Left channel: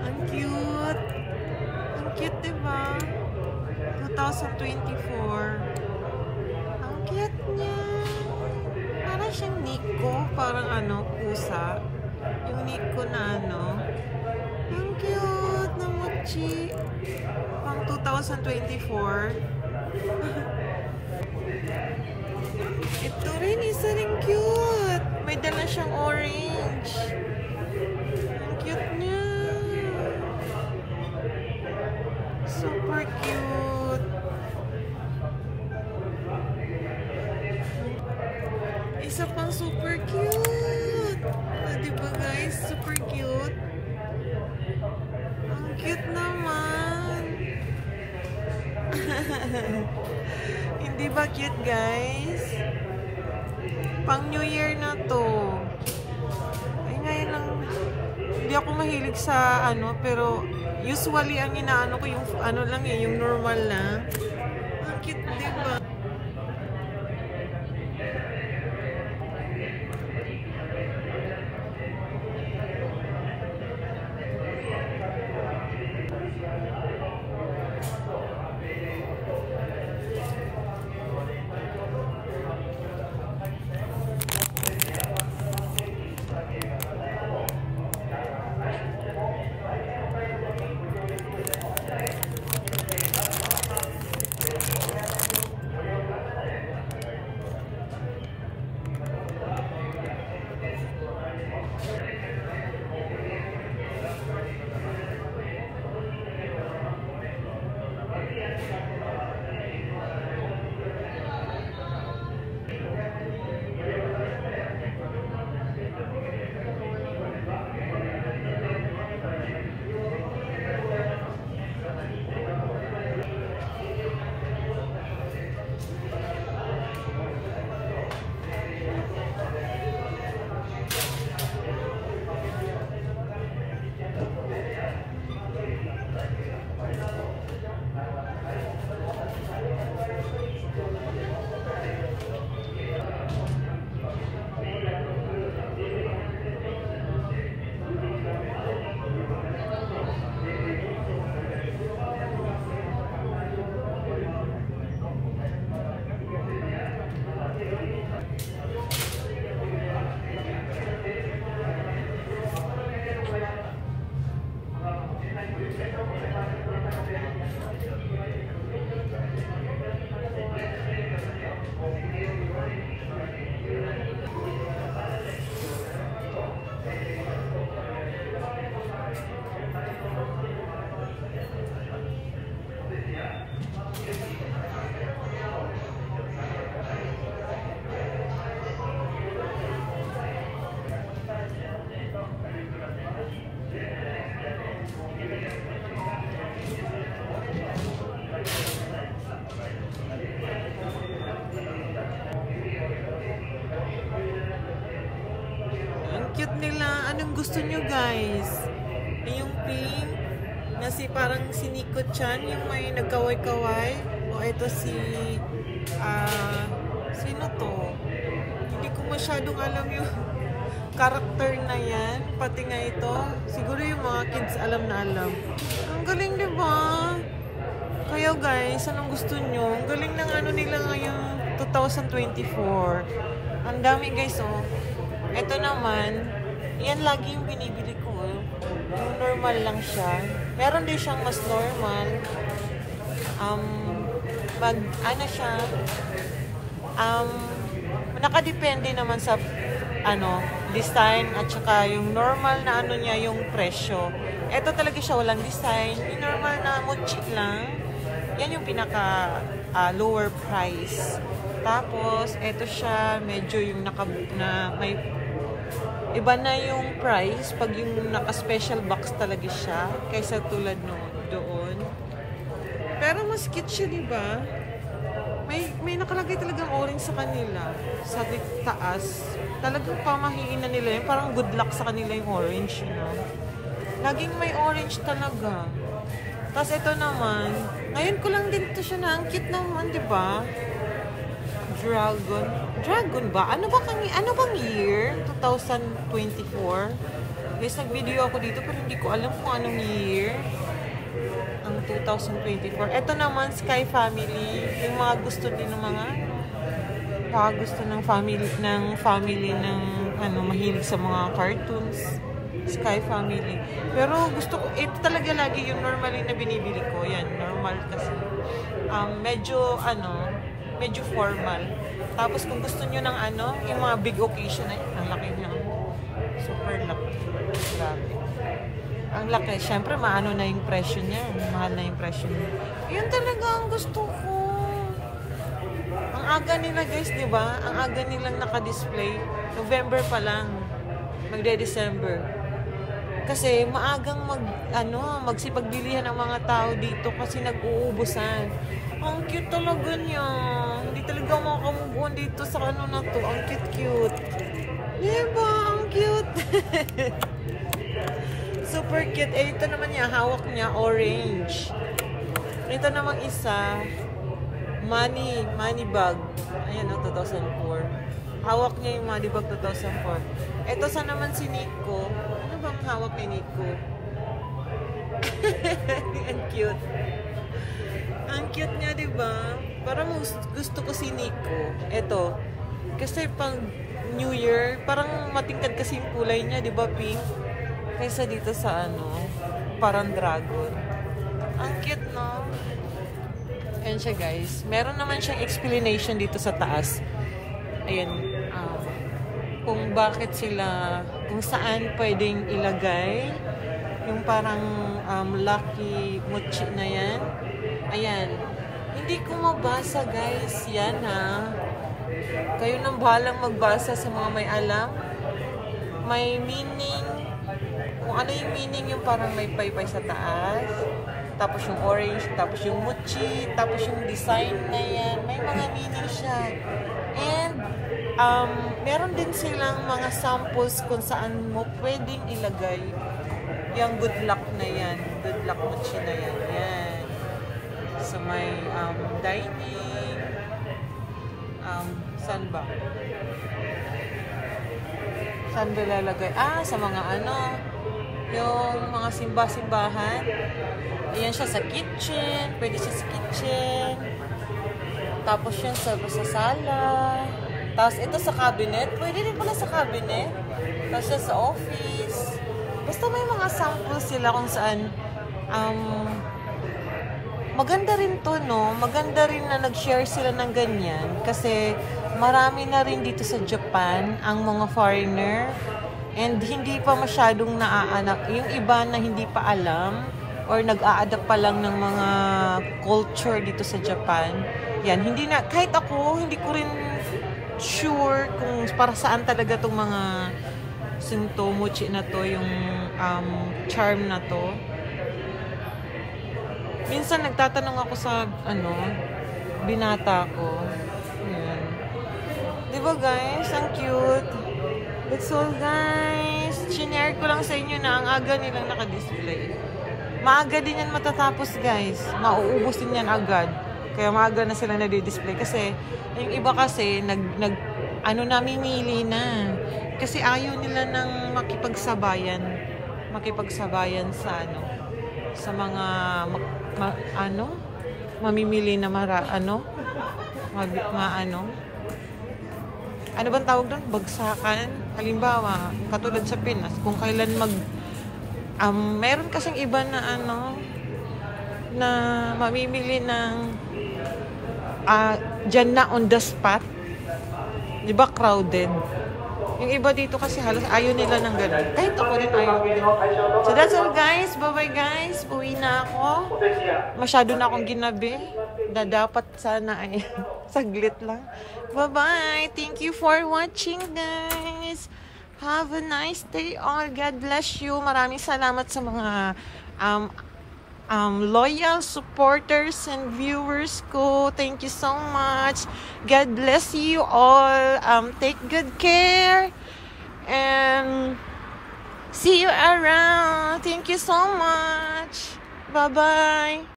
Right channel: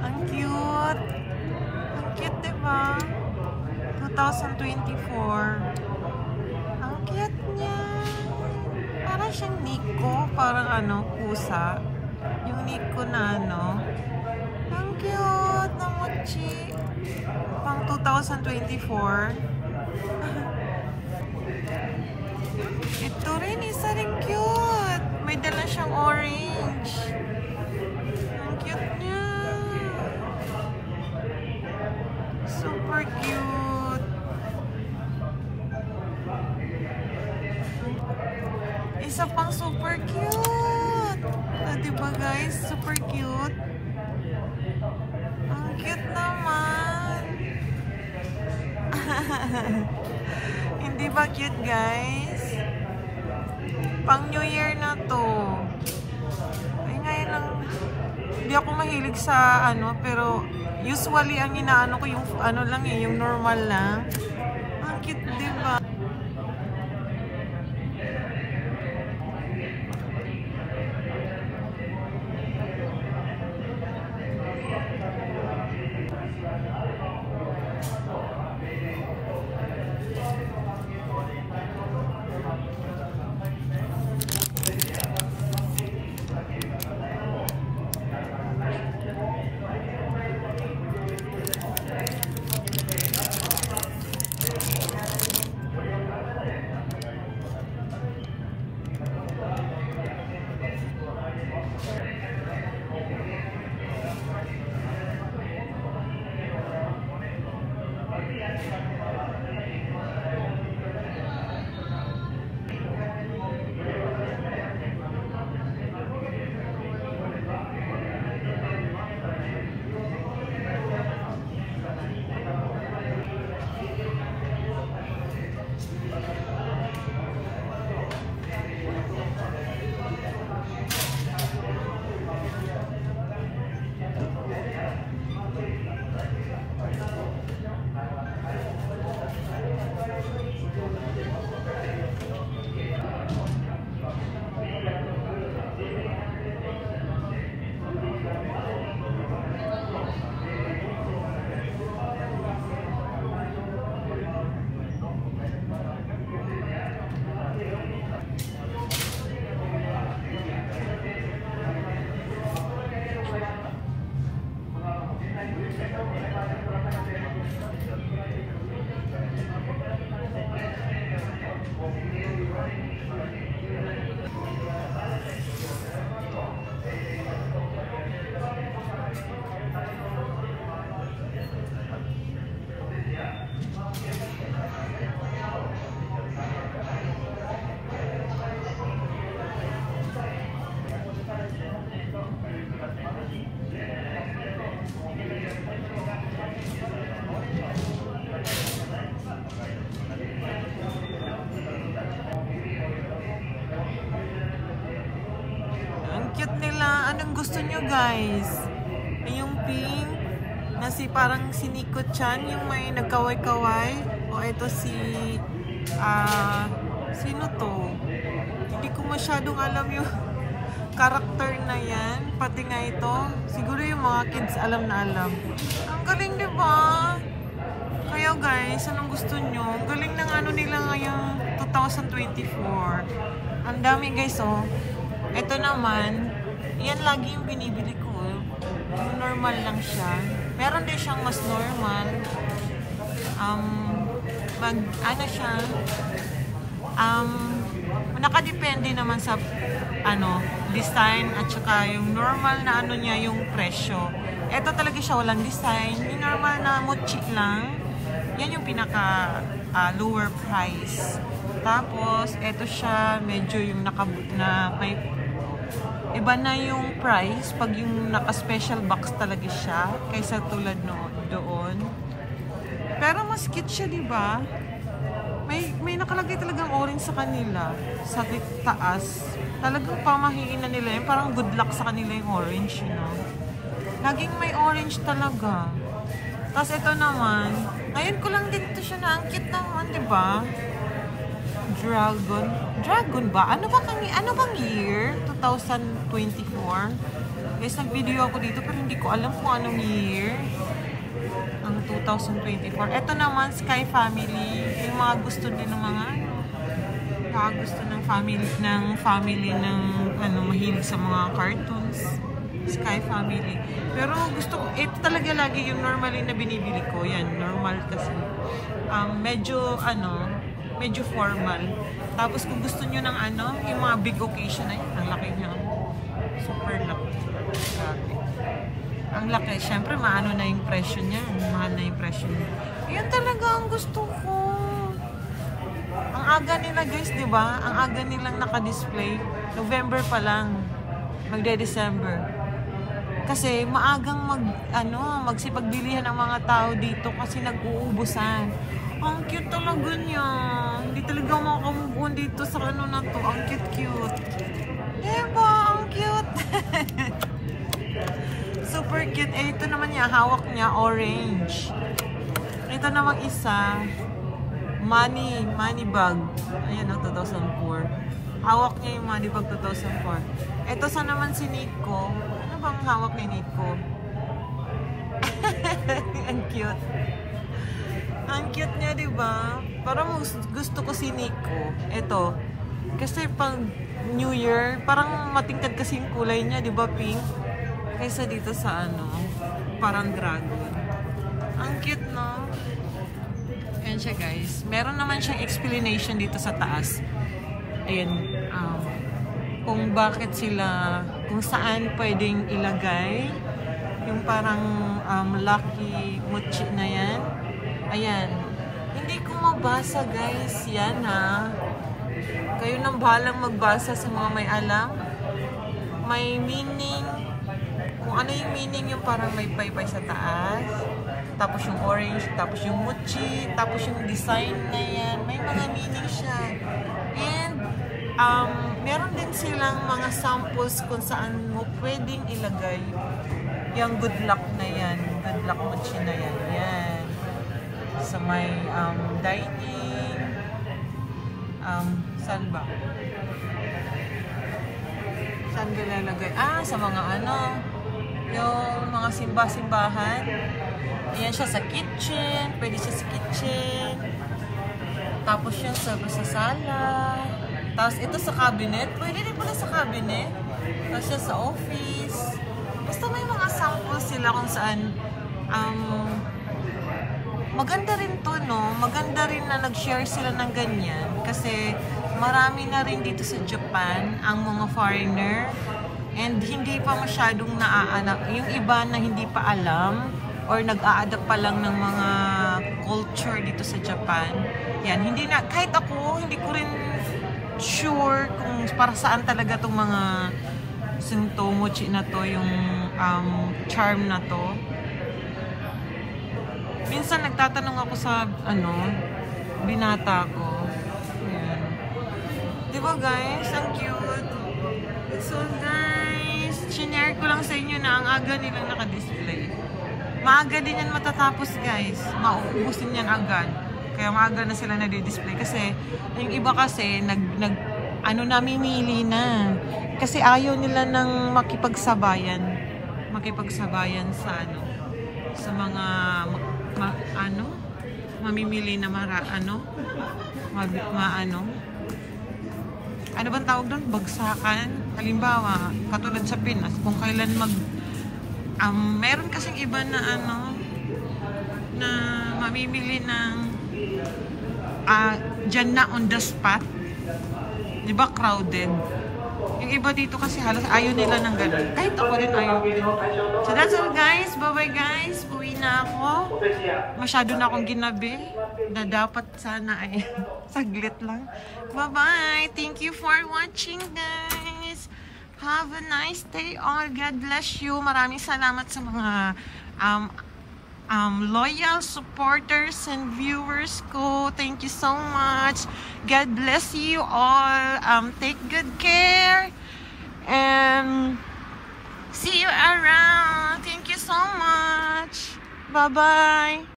Ang cute. Ang cute, diba? 2024. Ang cute niya. Parang siyang Nico. Parang ano, pusa. Yung Nico na ano. Ang cute na mochi. Pang 2024. Ito rin, isa rin cute. May dala siyang orange. Ang cute niya. Super cute. Isa pang super cute. Diba guys? Super cute. Ang cute naman. Hindi ba cute guys? Pang New Year na to. Ay ngayon lang. Hindi ako mahilig sa ano, pero usually ang inaano ko yung ano lang eh, yung normal lang. Ang cute, diba? Cute nila. Anong gusto nyo guys? Yung pink na si parang si Nico-chan, yung may nagkaway-kaway. O ito si sino to? Hindi ko masyadong alam yung character na yan. Pati nga ito. Siguro yung mga kids alam na alam. Ang galing diba? Kaya guys, anong gusto nyo? Ang galing ng ano nila ngayong 2024. Ang dami guys oh. Ito naman, yan lagi yung binibili ko. Yung normal lang siya. Meron din siyang mas normal. Ano siya? Nakadepende naman sa ano, design at saka yung normal na ano niya, yung presyo. Ito talaga siya walang design. Yung normal na mochi lang. Yan yung pinaka lower price. Tapos, ito siya medyo yung may iba na yung price pag yung naka-special box talaga siya kaysa tulad doon. Pero mas cute siya, diba? May nakalagay talagang orange sa kanila. Sa taas. Talagang pamahiin na nila yun. Parang good luck sa kanila yung orange, you know? Laging may orange talaga. Tapos ito naman, ngayon ko lang din ito siya na. Ang cute naman, diba? Dragon ba? Ano bang year? 2024? Guys, nag-video ako dito pero hindi ko alam kung anong year. Ang 2024. Ito naman, Sky Family. Yung mga gusto din ng mga gusto ng family ng mahilig sa mga cartoons. Sky Family. Pero gusto ko, ito talaga lagi yung normally na binibili ko. Yan, normal kasi. Medyo formal. Tapos kung gusto nyo ng yung mga big occasion na yan, ang laki niya. Super laki. Grabe. Ang laki. Siyempre, maano na yung presyo niyan. Mahal na yung presyo niya. Yun talaga ang gusto ko. Ang aga nila guys, di ba? Ang aga nilang naka-display. November pa lang. Magde-December. Kasi maagang magsipagbilihan ang mga tao dito kasi nag-uubusan. Ang cute talaga niya. Hindi talaga makakamove dito sa na to. Ang cute-cute. Diba? Ang cute. Super cute. Eh, ito naman niya, hawak niya, orange. Ito namang isa, money bag. Ayan, 2004. Hawak niya yung money bag 2004. Ito sa naman si Nico. Ano bang hawak ni Nico? Ang cute. Ang cute niya, diba? Parang gusto ko si Nico. Ito. Kasi pang New Year, parang matingkad kasi yung kulay niya, diba? Pink. Kaysa dito sa parang dragon. Ang cute, no? Ayan siya, guys. Meron naman siyang explanation dito sa taas. Ayan. Kung bakit sila, kung saan pwedeng ilagay yung parang lucky mochi na yan. Ayan. Hindi ko mabasa, guys. Yan, ha? Kayo nang bahalang magbasa sa mga may alam. May meaning. Kung ano yung meaning, yung parang may paypay sa taas. Tapos yung orange, tapos yung mochi, tapos yung design na yan. May mga meaning siya. And, meron din silang mga samples kung saan mo pwedeng ilagay yung good luck na yan. Good luck mochi na yan. Yan. So, may dining. Saan ba? Saan ba lalagay? Sa mga yung mga simba-simbahan. Ayan siya sa kitchen. Pwede siya sa kitchen. Tapos yan sa sala. Tapos ito sa cabinet. Pwede din pala sa cabinet. Tapos siya sa office. Basta may mga samples sila kung saan maganda rin to, no? Maganda rin na nag-share sila ng ganyan. Kasi marami na rin dito sa Japan ang mga foreigner. And hindi pa masyadong naaanak. Yung iba na hindi pa alam or nag-a-adapt pa lang ng mga culture dito sa Japan. Yan, hindi na, kahit ako, hindi ko rin sure kung para saan talaga itong mga mochi na to, yung charm na to. Minsan nagtatanong ako sa, binata ko. Ayan. Diba guys? Ang cute. That's all guys. Sinare ko lang sa inyo na ang aga nilang naka-display. Maaga din yan matatapos guys. Mauubos din yan agad. Kaya maaga na sila nadi-display. Kasi, yung iba kasi, namimili na. Kasi ayaw nila ng makipagsabayan. Makipagsabayan sa sa mga, mamimili na ano bang tawag doon? Bagsakan. Halimbawa, katulad sa Pinas, kung kailan meron kasing iba na na mamimili ng dyan na on the spot. Diba crowded? Yung iba dito kasi halos ayaw nila ng ganun. Kahit ako din ayaw din. So that's all guys. Bye-bye guys. Uwi na ako. Masyado na akong ginabi. Dapat sana ay saglit lang. Bye-bye. Thank you for watching guys. Have a nice day all. God bless you. Maraming salamat sa mga loyal supporters and viewers ko. Thank you so much. God bless you all. Take good care. And see you around. Thank you so much. Bye-bye.